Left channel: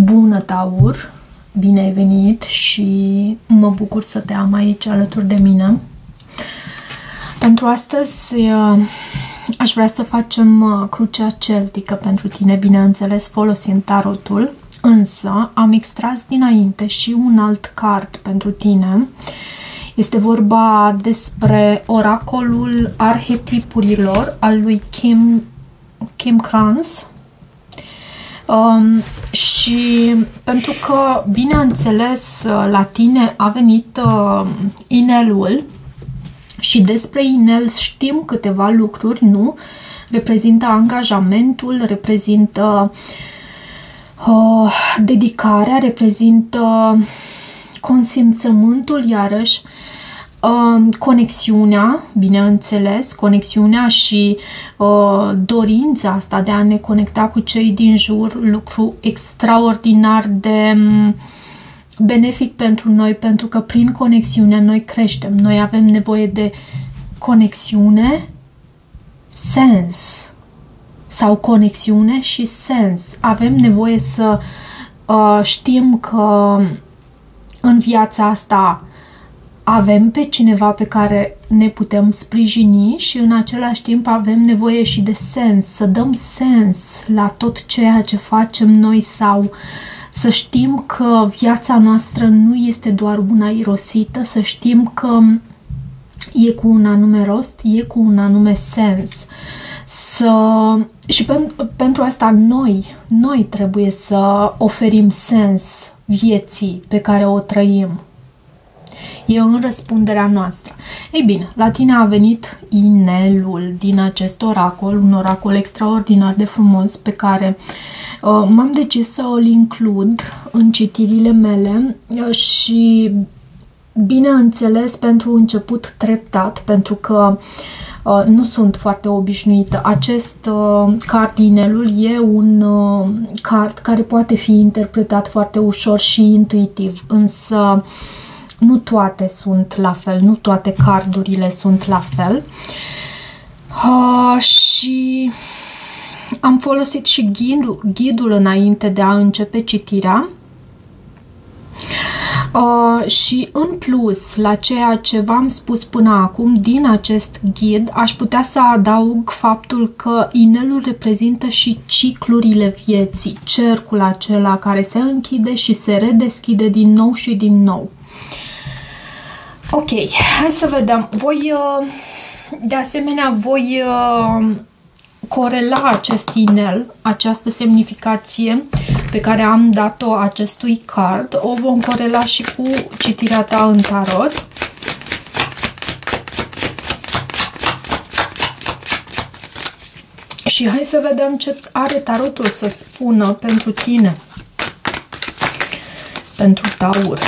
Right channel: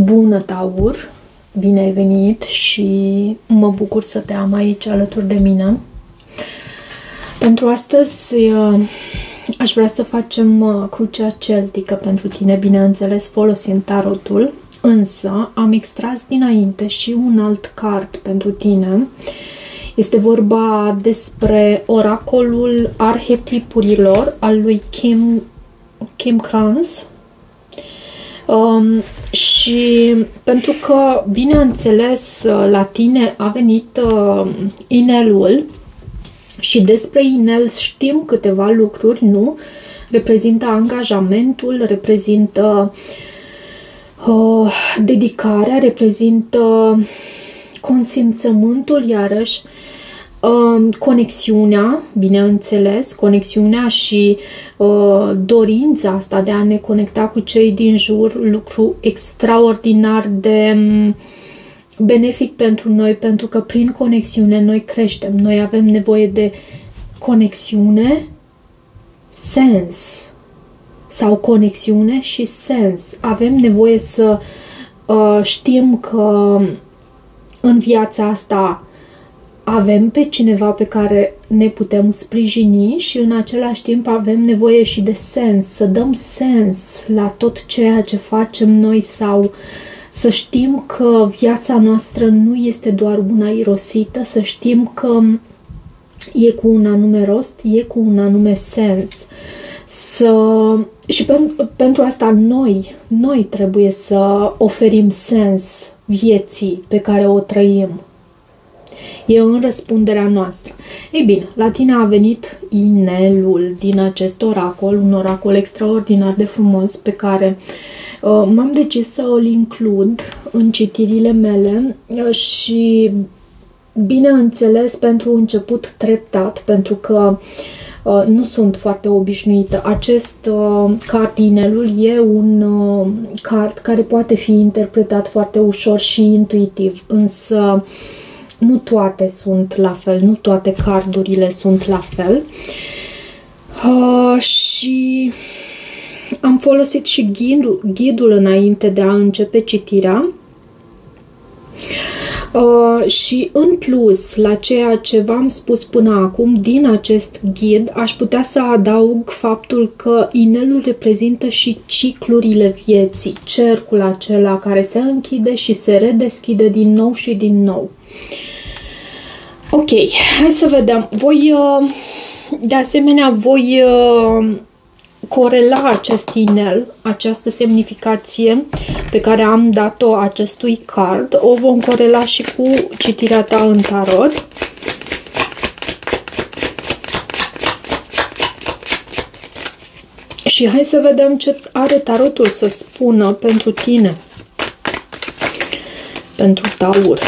Bună, Taur! Bine ai venit și mă bucur să te am aici alături de mine. Pentru astăzi aș vrea să facem crucea celtică pentru tine, bineînțeles folosind tarotul, însă am extras dinainte și un alt card pentru tine. Este vorba despre oracolul arhetipurilor al lui Kim Krans. Și pentru că, bineînțeles, la tine a venit inelul și despre inel știm câteva lucruri, nu? Reprezintă angajamentul, reprezintă dedicarea, reprezintă consimțământul, iarăși conexiunea, bineînțeles, conexiunea și dorința asta de a ne conecta cu cei din jur, lucru extraordinar de benefic pentru noi, pentru că prin conexiune noi creștem, noi avem nevoie de conexiune, sens, sau conexiune și sens. Avem nevoie să știm că în viața asta avem pe cineva pe care ne putem sprijini și în același timp avem nevoie și de sens, să dăm sens la tot ceea ce facem noi sau să știm că viața noastră nu este doar una irosită, să știm că e cu un anume rost, e cu un anume sens. Și pentru asta noi trebuie să oferim sens vieții pe care o trăim. E în răspunderea noastră. Ei bine, la tine a venit inelul din acest oracol, un oracol extraordinar de frumos pe care m-am decis să îl includ în citirile mele și, bineînțeles, pentru început treptat, pentru că nu sunt foarte obișnuită. Acest card, inelul, e un card care poate fi interpretat foarte ușor și intuitiv, însă nu toate sunt la fel, nu toate cardurile sunt la fel. Și am folosit și ghidul înainte de a începe citirea. Și în plus la ceea ce v-am spus până acum, din acest ghid aș putea să adaug faptul că inelul reprezintă și ciclurile vieții, cercul acela care se închide și se redeschide din nou și din nou. Ok, hai să vedem. De asemenea, voi corela acest inel, această semnificație pe care am dat-o acestui card, o vom corela și cu citirea ta în tarot. Și hai să vedem ce are tarotul să spună pentru tine, pentru Taur.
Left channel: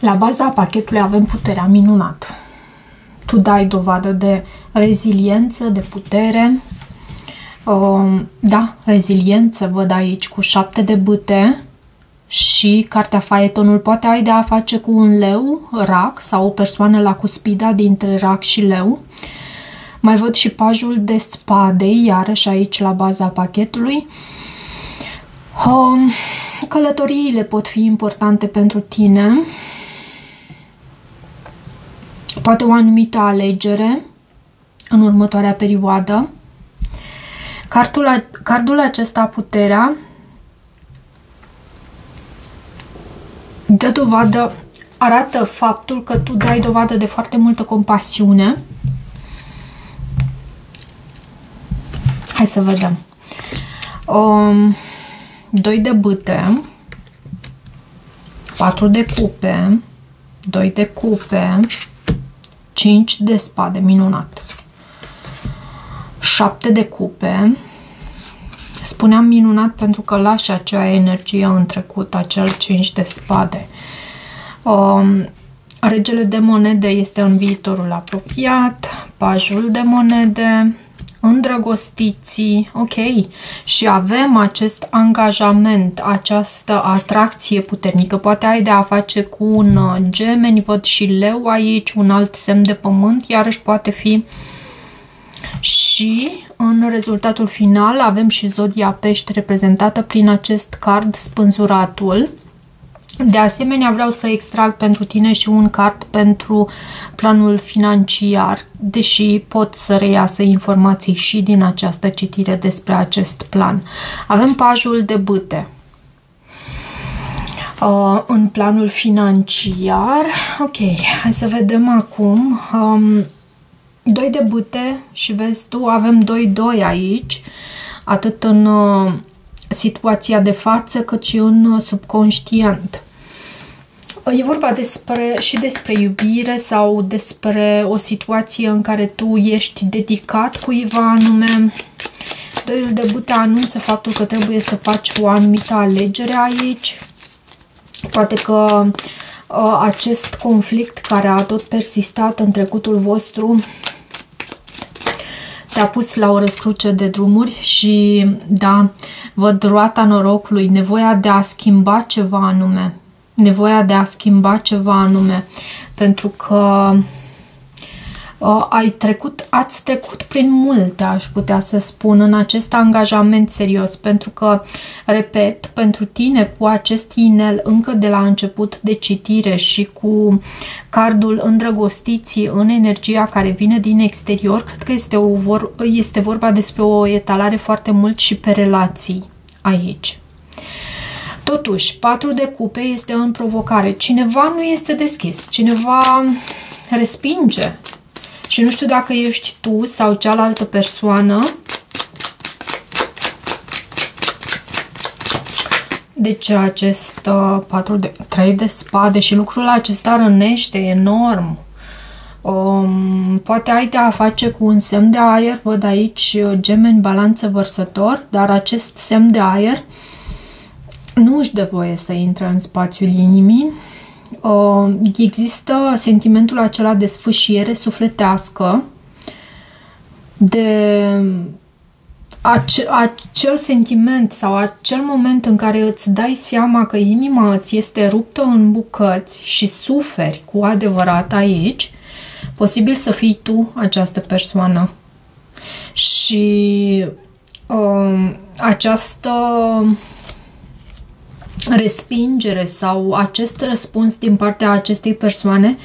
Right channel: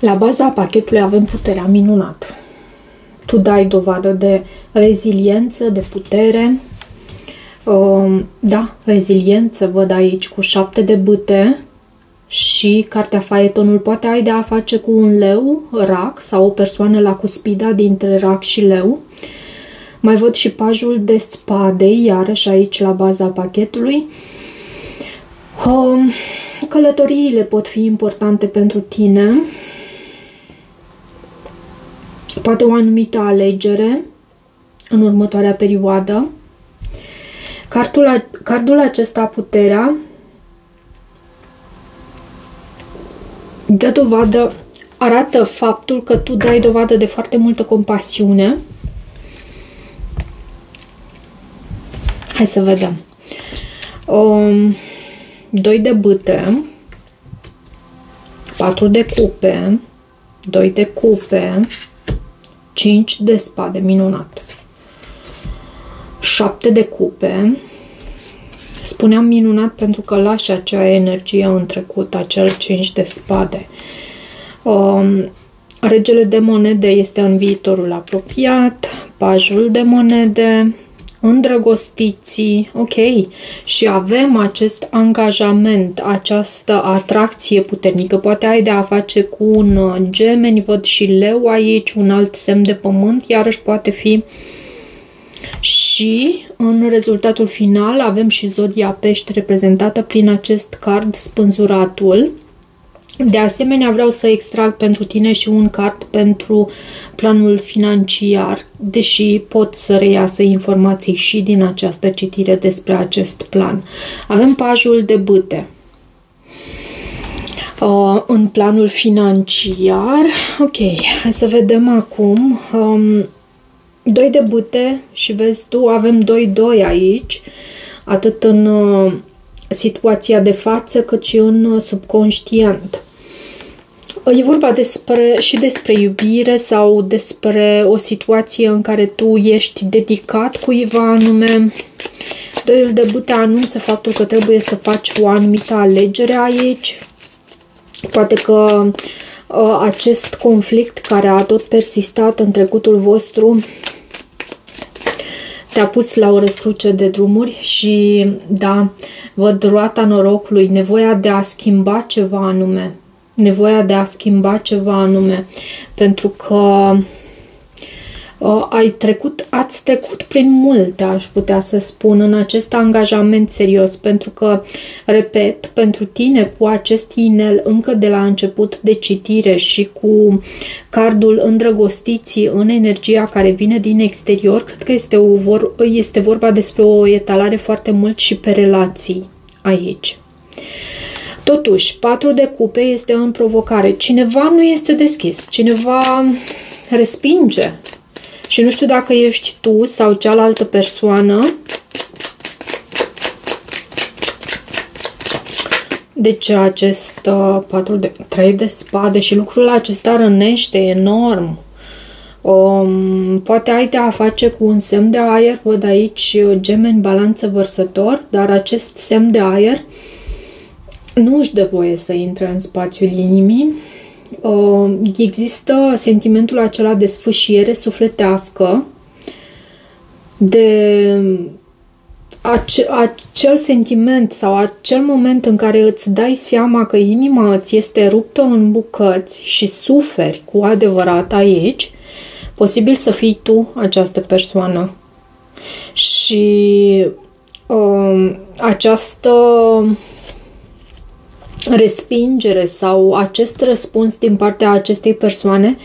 La baza pachetului avem puterea minunată. Tu dai dovadă de reziliență, de putere. Da, reziliență văd aici cu 7 de bâte și cartea Faetonul poate ai de a face cu un leu, rac sau o persoană la cuspida dintre rac și leu. Mai văd și pajul de spade, iarăși aici la baza pachetului. Călătoriile pot fi importante pentru tine. Poate o anumită alegere în următoarea perioadă. Cardul acesta, puterea, dă dovadă, arată faptul că tu dai dovadă de foarte multă compasiune. Hai să vedem. 2 de bâte, 4 de cupe, 2 de cupe, 5 de spade, minunat. 7 de cupe. Spuneam minunat pentru că lași acea energie în trecut, acel 5 de spade. Regele de monede este în viitorul apropiat. Pajul de monede, îndrăgostiții, ok, și avem acest angajament, această atracție puternică. Poate ai de a face cu un Gemeni, văd și Leu aici, un alt semn de pământ, iarăși poate fi. Și în rezultatul final avem și zodia Pești reprezentată prin acest card Spânzuratul. De asemenea, vreau să extrag pentru tine și un card pentru planul financiar, deși pot să reiasă informații și din această citire despre acest plan. Avem pajul de bâte. În planul financiar, ok, hai să vedem acum. 2 de bâte și vezi tu, avem 2-2 aici, atât în situația de față cât și în subconștient. E vorba despre iubire sau despre o situație în care tu ești dedicat cuiva anume. Doiul de bâte anunță faptul că trebuie să faci o anumită alegere aici. Poate că acest conflict care a tot persistat în trecutul vostru te-a pus la o răscruce de drumuri și, da, văd roata norocului, nevoia de a schimba ceva anume. Nevoia de a schimba ceva anume. Pentru că ați trecut prin multe, aș putea să spun, în acest angajament serios. Pentru că, repet, pentru tine, cu acest inel încă de la început de citire și cu cardul îndrăgostiții în energia care vine din exterior, cred că este vorba despre o etalare foarte mult și pe relații aici. Totuși, 4 de cupe este în provocare. Cineva nu este deschis, cineva respinge. Și nu știu dacă ești tu sau cealaltă persoană. Deci acest 3 de spade și lucrul acesta rănește enorm. Poate ai de a face cu un semn de aer, văd aici Gemeni, Balanță, Vărsător, dar acest semn de aer nu își dă voie să intre în spațiul inimii. Există sentimentul acela de sfâșiere sufletească, de acel sentiment sau acel moment în care îți dai seama că inima îți este ruptă în bucăți și suferi cu adevărat aici. Posibil să fii tu această persoană. Și această respingere sau acest răspuns din partea acestei persoane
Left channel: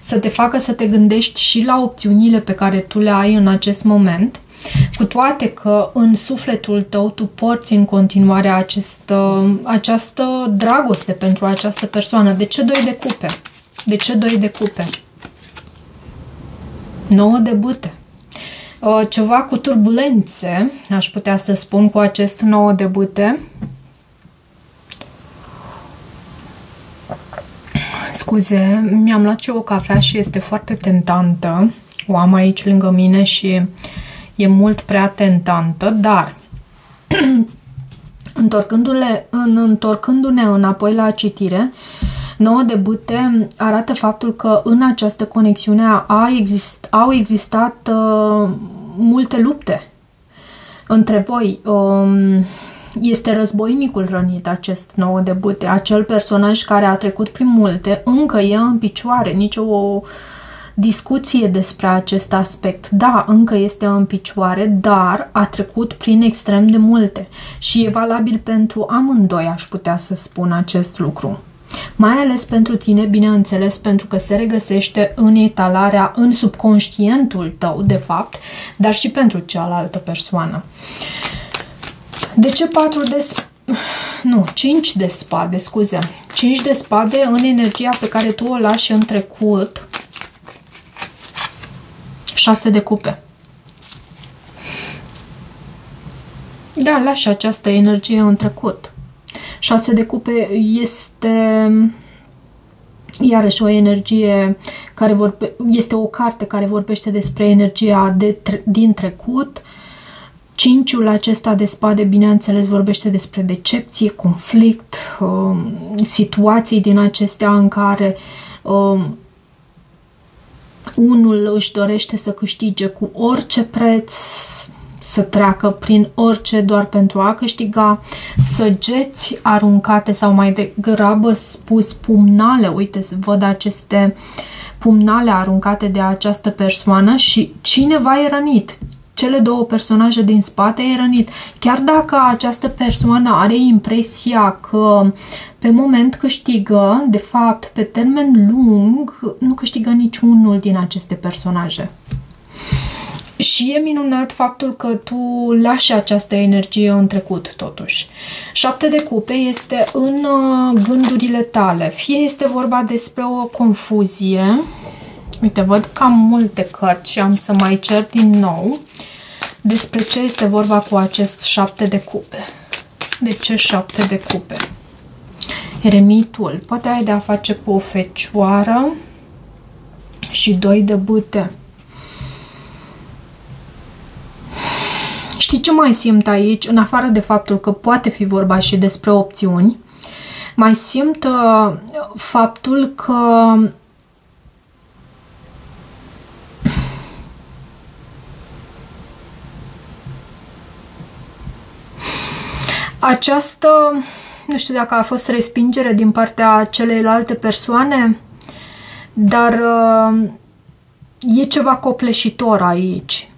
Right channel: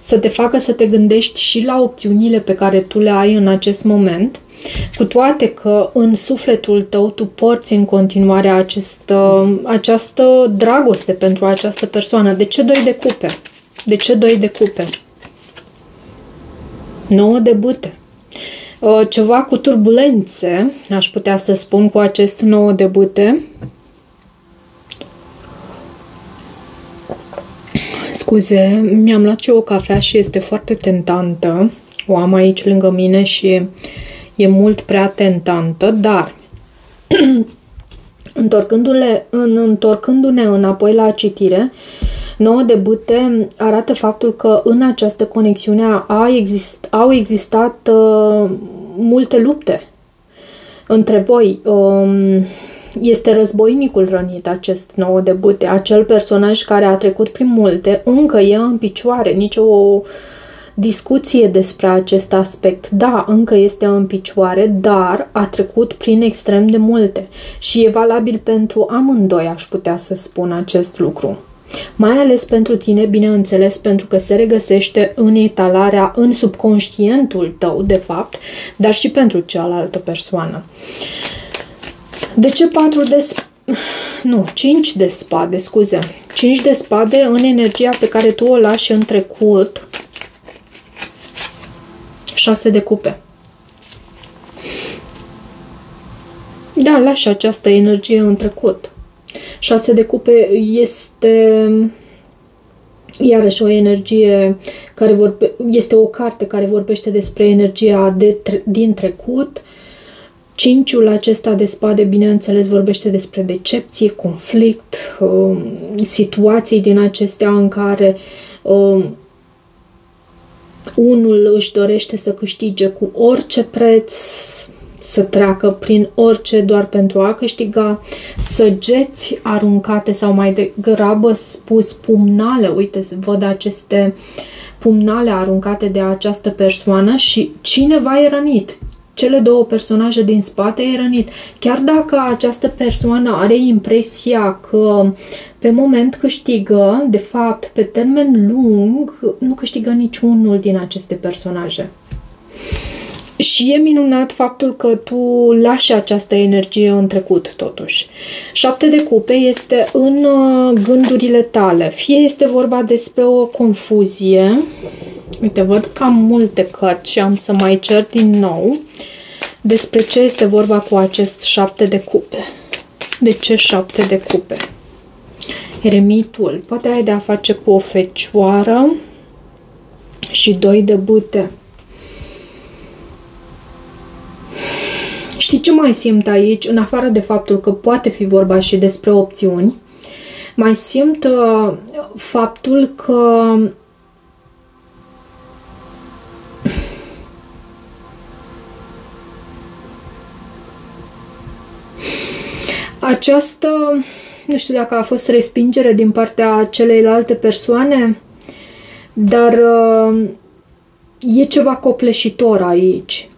să te facă să te gândești și la opțiunile pe care tu le ai în acest moment, cu toate că în sufletul tău tu porți în continuare această dragoste pentru această persoană. De ce 2 de cupe? De ce 2 de cupe? 9 de bâte. Ceva cu turbulențe, aș putea să spun, cu acest 9 de bâte. Scuze, mi-am luat și o cafea și este foarte tentantă. O am aici lângă mine și e mult prea tentantă, dar întorcându-ne înapoi la citire, 9 de bâte arată faptul că în această conexiune au existat multe lupte între voi. Este războinicul rănit, acest 9 de bâte. Acel personaj care a trecut prin multe încă e în picioare. Nicio discuție despre acest aspect. Da, încă este în picioare, dar a trecut prin extrem de multe. Și e valabil pentru amândoi, aș putea să spun acest lucru. Mai ales pentru tine, bineînțeles, pentru că se regăsește în etalarea, în subconștientul tău, de fapt, dar și pentru cealaltă persoană. De ce 5 de spade, scuze. 5 de spade în energia pe care tu o lași în trecut. 6 de cupe. Da, lași această energie în trecut. 6 de cupe este iarăși o energie care este o carte care vorbește despre energia din trecut. 5-ul acesta de spade, bineînțeles, vorbește despre decepție, conflict, situații din acestea în care unul își dorește să câștige cu orice preț, să treacă prin orice doar pentru a câștiga, săgeți aruncate sau mai degrabă spus pumnale, uite, văd aceste pumnale aruncate de această persoană și cineva e rănit. Cele două personaje din spate e rănit. Chiar dacă această persoană are impresia că pe moment câștigă, de fapt, pe termen lung, nu câștigă niciunul din aceste personaje. Și e minunat faptul că tu lași această energie în trecut, totuși. 7 de cupe este în gândurile tale. Fie este vorba despre o confuzie. Uite, văd cam multe cărți și am să mai cer din nou despre ce este vorba cu acest 7 de cupe. De ce 7 de cupe? Eremitul. Poate ai de a face cu o fecioară și 2 de bâte. Știi ce mai simt aici? În afară de faptul că poate fi vorba și despre opțiuni, mai simt faptul că această, nu știu dacă a fost respingere din partea celeilalte persoane, dar e ceva copleșitor aici.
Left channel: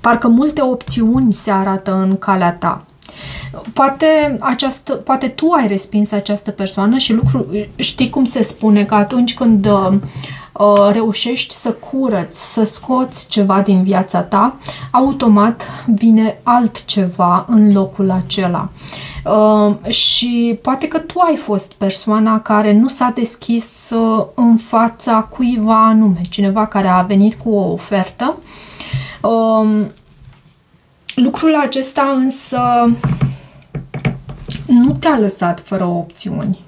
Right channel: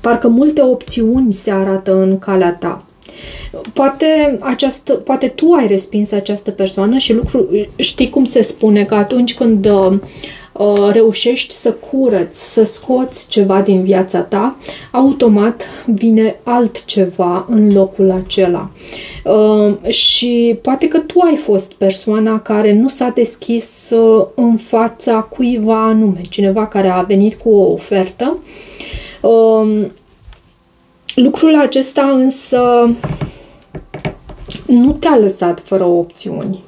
Parcă multe opțiuni se arată în calea ta. Poate tu ai respins această persoană și știi cum se spune, că atunci când reușești să curăți, să scoți ceva din viața ta, automat vine altceva în locul acela. Și poate că tu ai fost persoana care nu s-a deschis în fața cuiva anume, cineva care a venit cu o ofertă. Lucrul acesta însă nu te-a lăsat fără opțiuni.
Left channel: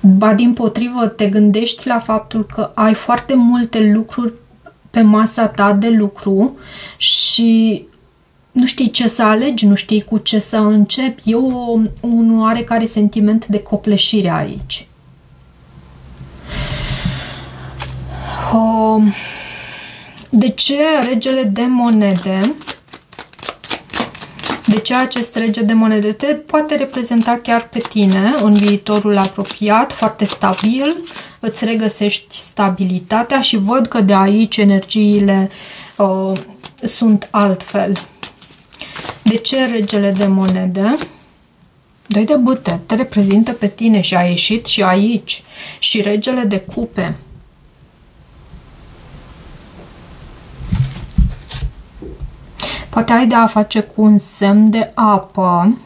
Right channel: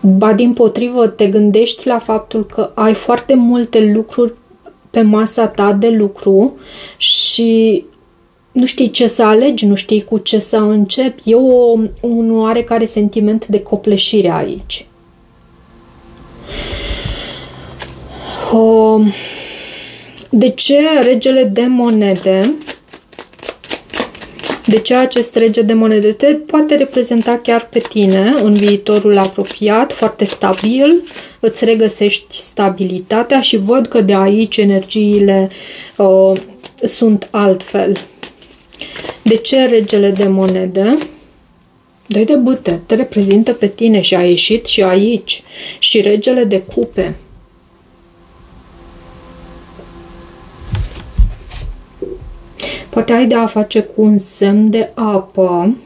Ba dimpotrivă, te gândești la faptul că ai foarte multe lucruri pe masa ta de lucru și nu știi ce să alegi, nu știi cu ce să începi. E un oarecare sentiment de copleșire aici. De ce regele de monede? De ce acest rege de monede te poate reprezenta chiar pe tine în viitorul apropiat, foarte stabil, îți regăsești stabilitatea și văd că de aici energiile sunt altfel. De ce regele de monede? 2 de bâte te reprezintă pe tine și a ieșit și aici. Și regele de cupe. Poate ai de a face cu un semn de apă.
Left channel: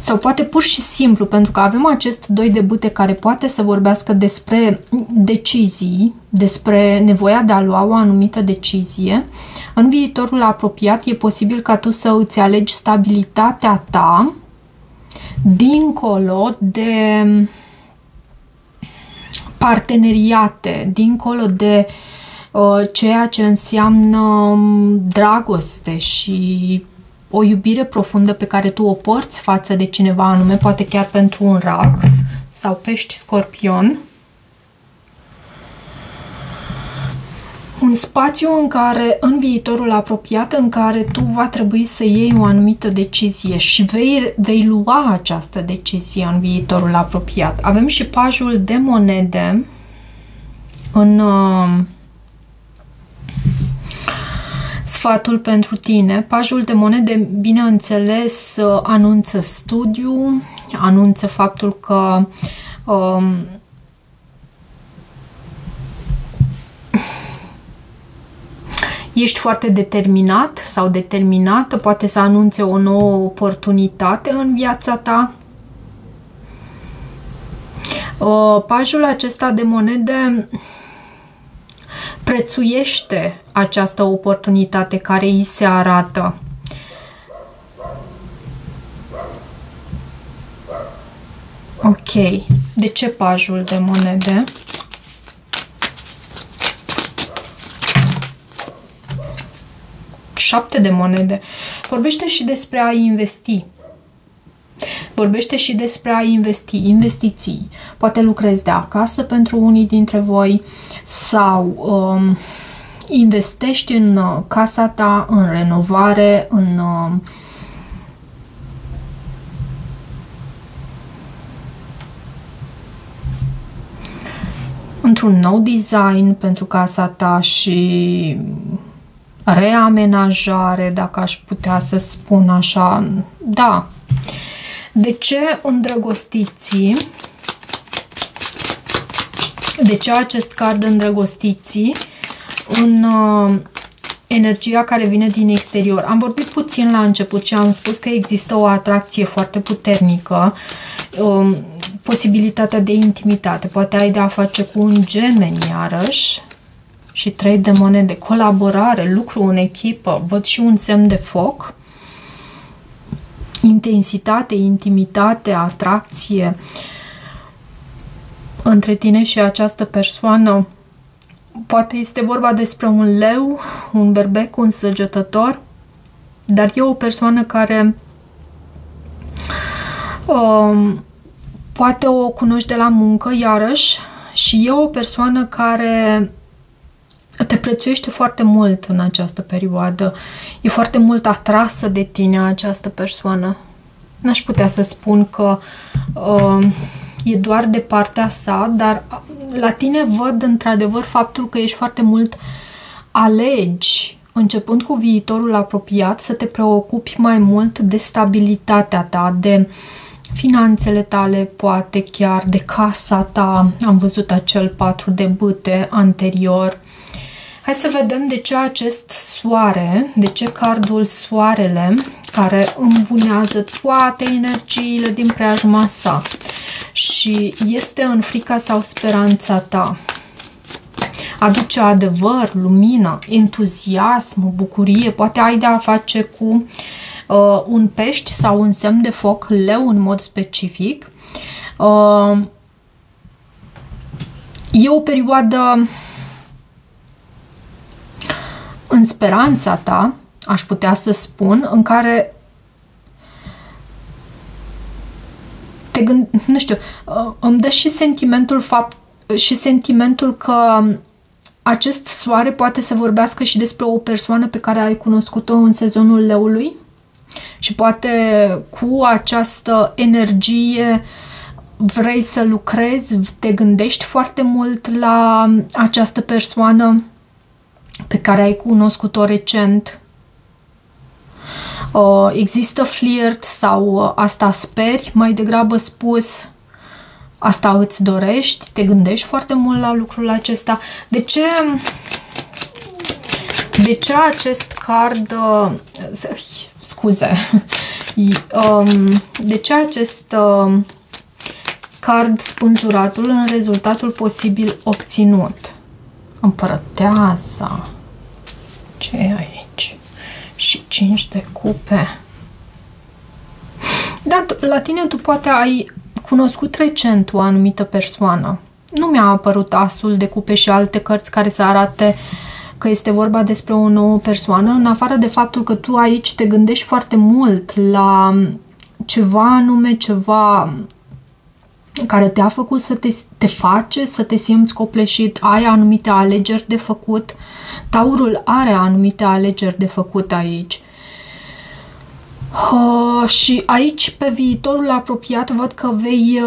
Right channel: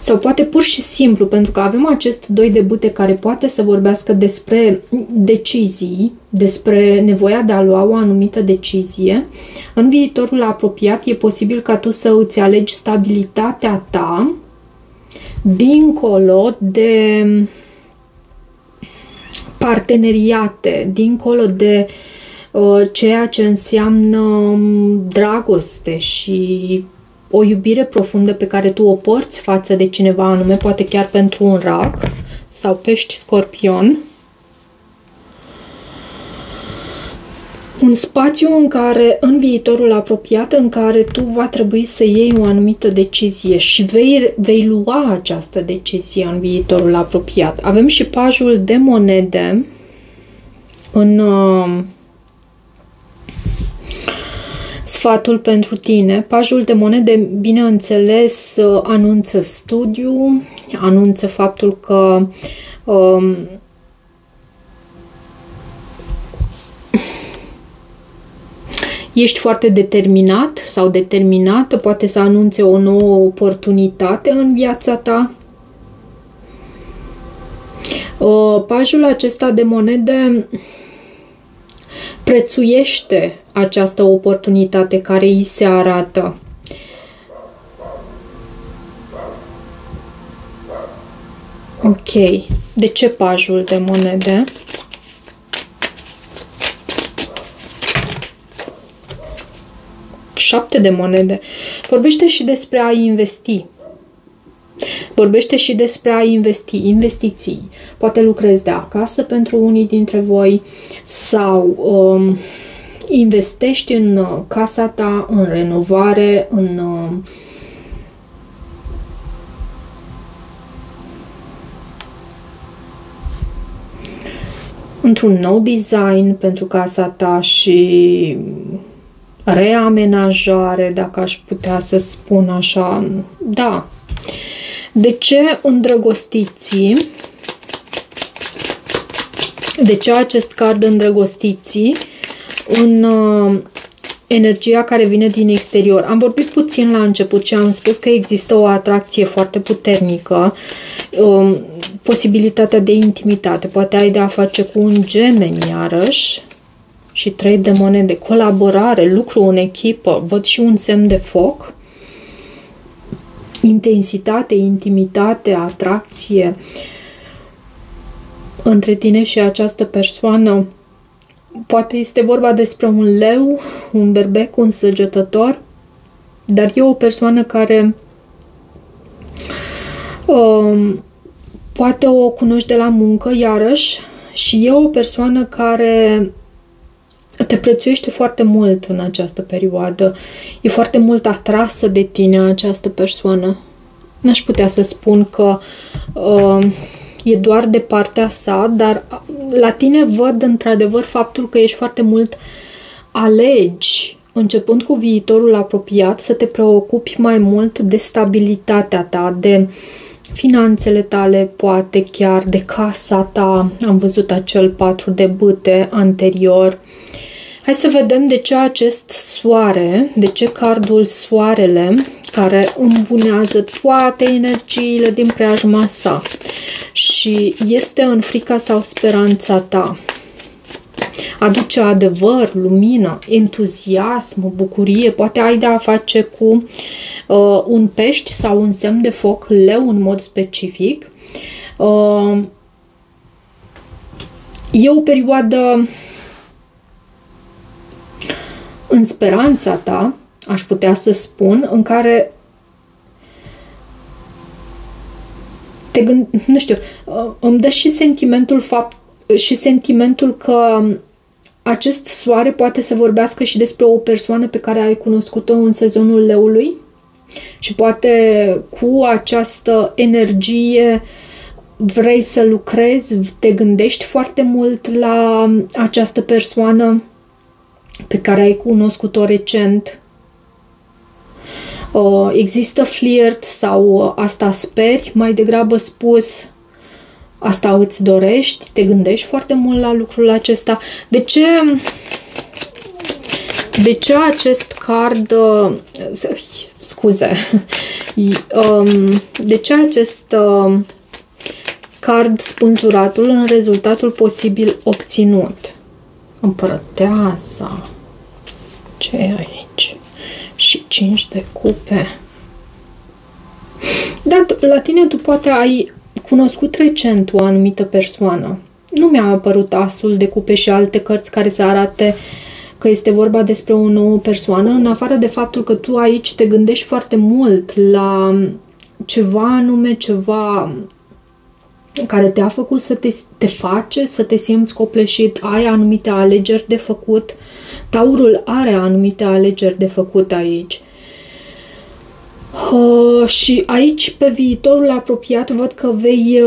Sau poate pur și simplu, pentru că avem acest 2 de bâte care poate să vorbească despre decizii, despre nevoia de a lua o anumită decizie. În viitorul apropiat e posibil ca tu să îți alegi stabilitatea ta dincolo de parteneriate, dincolo de ceea ce înseamnă dragoste și o iubire profundă pe care tu o porți față de cineva anume, poate chiar pentru un rac sau pești scorpion. Un spațiu în care, în viitorul apropiat, în care tu va trebui să iei o anumită decizie și vei lua această decizie în viitorul apropiat. Avem și pajul de monede în sfatul pentru tine. Pajul de monede, bineînțeles, anunță studiu, anunță faptul că ești foarte determinat sau determinată, poate să anunțe o nouă oportunitate în viața ta. Pajul acesta de monede prețuiește această oportunitate care îi se arată. Ok. De ce pajul de monede? Șapte de monede. Vorbește și despre a investi. Vorbește și despre a investi, investiții. Poate lucrezi de acasă pentru unii dintre voi sau investești în casa ta, în renovare, într-un nou design pentru casa ta și reamenajare, dacă aș putea să spun așa. Da. De ce îndrăgostiții? De ce acest card îndrăgostiții în energia care vine din exterior? Am vorbit puțin la început și am spus că există o atracție foarte puternică, posibilitatea de intimitate. Poate ai de a face cu un gemeni iarăși și 3 de monede, colaborare, lucru în echipă, văd și un semn de foc, intensitate, intimitate, atracție între tine și această persoană. Poate este vorba despre un leu, un berbec, un săgetător, dar e o persoană care poate o cunoști de la muncă, iarăși, și e o persoană care te prețuiește foarte mult în această perioadă. E foarte mult atrasă de tine această persoană. N-aș putea să spun că e doar de partea sa, dar la tine văd într-adevăr faptul că ești foarte mult alegi, începând cu viitorul apropiat, să te preocupi mai mult de stabilitatea ta, de finanțele tale, poate chiar de casa ta. Am văzut acel 4 de bâte anterior. Hai să vedem de ce acest soare, de ce cardul soarele, care îmbunează toate energiile din preajma sa și este în frica sau speranța ta. Aduce adevăr, lumină, entuziasm, bucurie. Poate ai de a face cu un pești sau un semn de foc, leu în mod specific. E o perioadă în speranța ta, aș putea să spun, în care nu știu, îmi dă și sentimentul că acest soare poate să vorbească și despre o persoană pe care ai cunoscut-o în sezonul leului și poate cu această energie vrei să lucrezi, te gândești foarte mult la această persoană pe care ai cunoscut-o recent. Există flirt sau asta speri, mai degrabă spus, asta îți dorești, te gândești foarte mult la lucrul acesta. De ce acest card, scuze, de ce acest card spânzuratul în rezultatul posibil obținut? Împărăteasa. Ce e aici? Și 5 de cupe. Dar la tine tu poate ai cunoscut recent o anumită persoană. Nu mi-a apărut asul de cupe și alte cărți care să arate că este vorba despre o nouă persoană, în afară de faptul că tu aici te gândești foarte mult la ceva anume, ceva care te-a făcut să te face să te simți copleșit, ai anumite alegeri de făcut. Taurul are anumite alegeri de făcut aici. Și aici, pe viitorul apropiat, văd că vei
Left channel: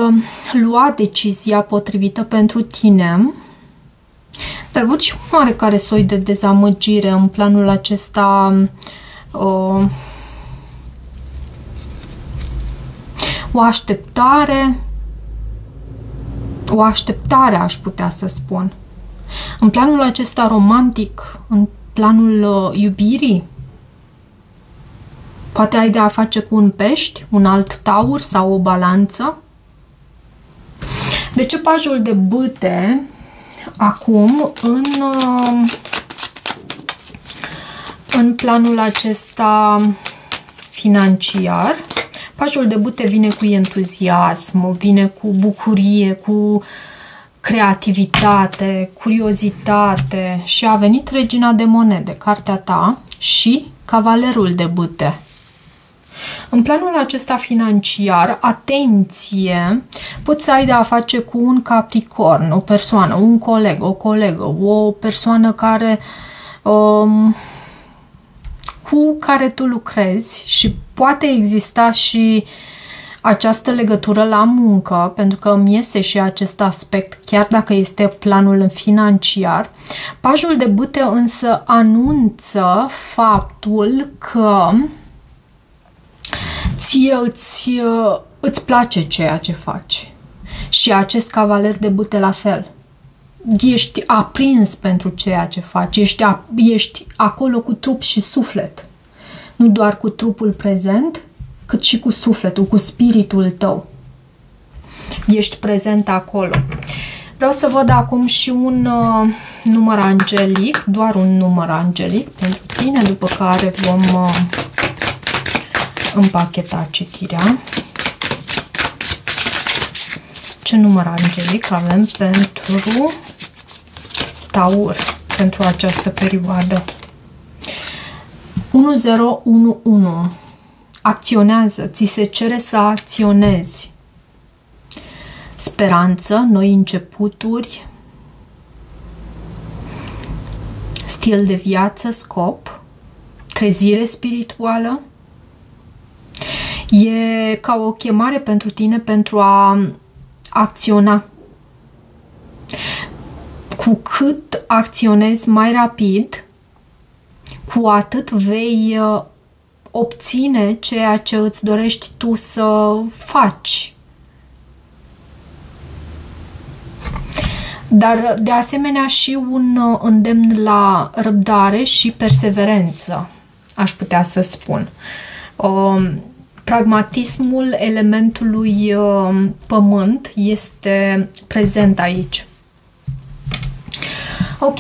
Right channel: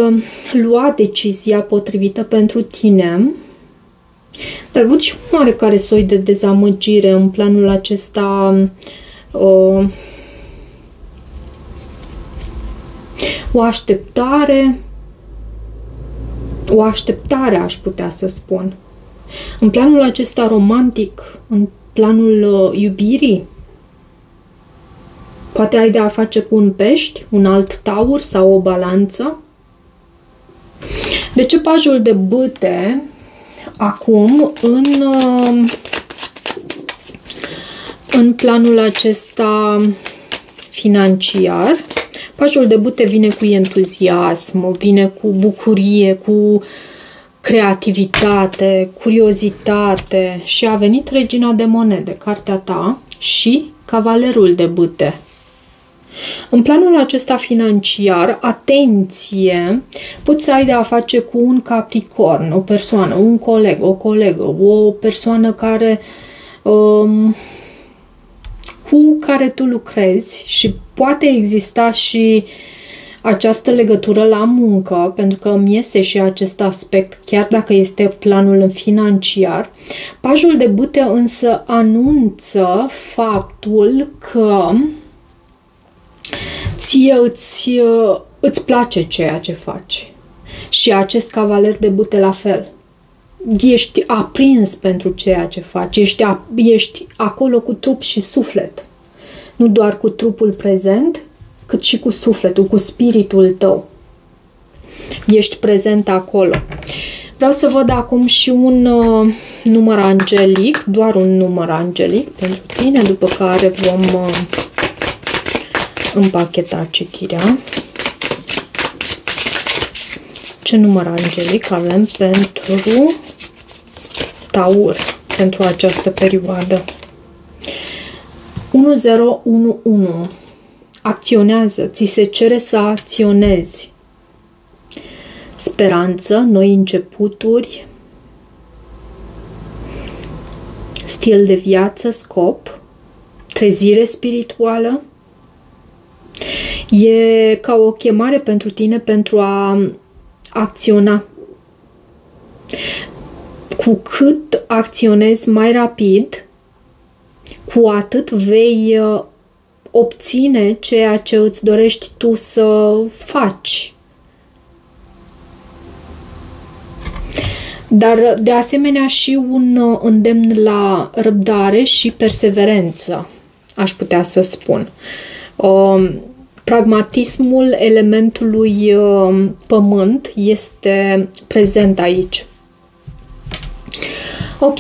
lua decizia potrivită pentru tine. Dar văd și un oarecare soi de dezamăgire în planul acesta. O așteptare, aș putea să spun. În planul acesta romantic, în planul iubirii, poate ai de a face cu un pești, un alt taur sau o balanță. De ce pajul de bâte acum în planul acesta financiar? Pajul de bâte vine cu entuziasm, vine cu bucurie, cu creativitate, curiozitate și a venit Regina de monede, cartea ta, și Cavalerul de bâte. În planul acesta financiar, atenție, poți să ai de a face cu un capricorn, o persoană, un coleg, o colegă, o persoană care cu care tu lucrezi și poate exista și această legătură la muncă, pentru că îmi iese și acest aspect, chiar dacă este planul financiar. Pajul de bâte însă anunță faptul că ție îți place ceea ce faci. Și acest cavaler de bâte la fel. Ești aprins pentru ceea ce faci, ești acolo cu trup și suflet. Nu doar cu trupul prezent, cât și cu sufletul, cu spiritul tău. Ești prezent acolo. Vreau să văd acum și un număr angelic, doar un număr angelic pentru tine, după care vom împacheta citirea. Ce număr angelic avem pentru Taur, pentru această perioadă? 1011. Acționează, ți se cere să acționezi. Speranță, noi începuturi, stil de viață, scop, trezire spirituală. E ca o chemare pentru tine pentru a acționa. Cu cât acționezi mai rapid, cu atât vei obține ceea ce îți dorești tu să faci. Dar, de asemenea, și un îndemn la răbdare și perseverență, aș putea să spun. Pragmatismul elementului pământ este prezent aici. Ok,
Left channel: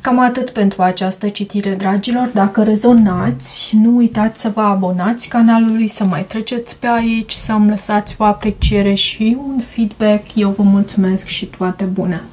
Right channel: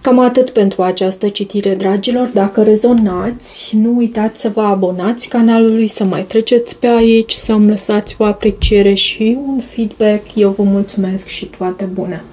cam atât pentru această citire, dragilor. Dacă rezonați, nu uitați să vă abonați canalului, să mai treceți pe aici, să îmi lăsați o apreciere și un feedback. Eu vă mulțumesc și toate bune!